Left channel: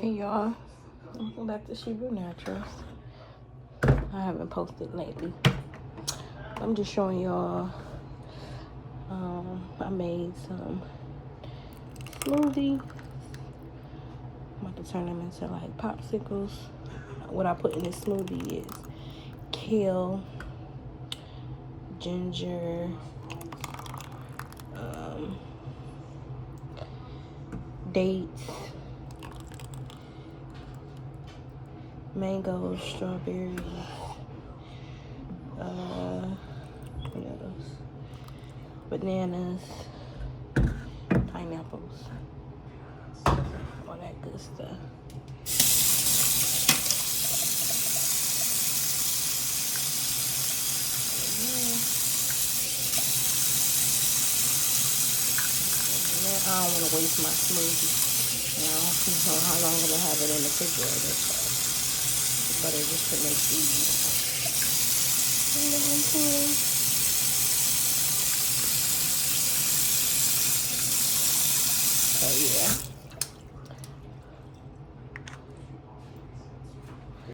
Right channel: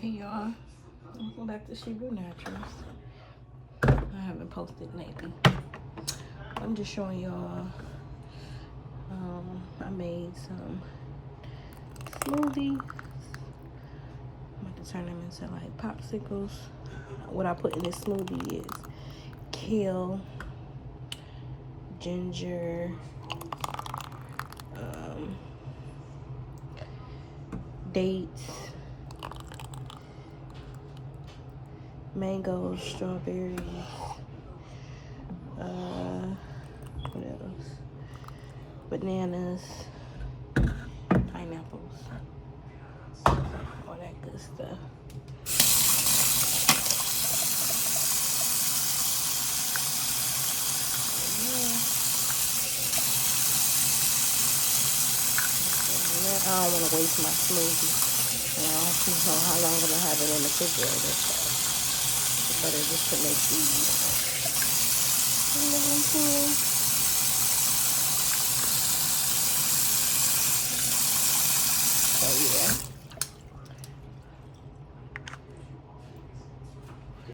Hey y'all, welcome back to Shibu Naturals. I haven't posted lately. I'm just showing y'all. I made some smoothies. I'm about to turn them into like popsicles. What I put in this smoothie is kale, ginger, dates, mangoes, strawberries, what else? Bananas, pineapples, all that good stuff. I don't want to waste my smoothie. You know, I don't know how long I'm going to have it in the refrigerator. So the butter just to make it easy. So yeah.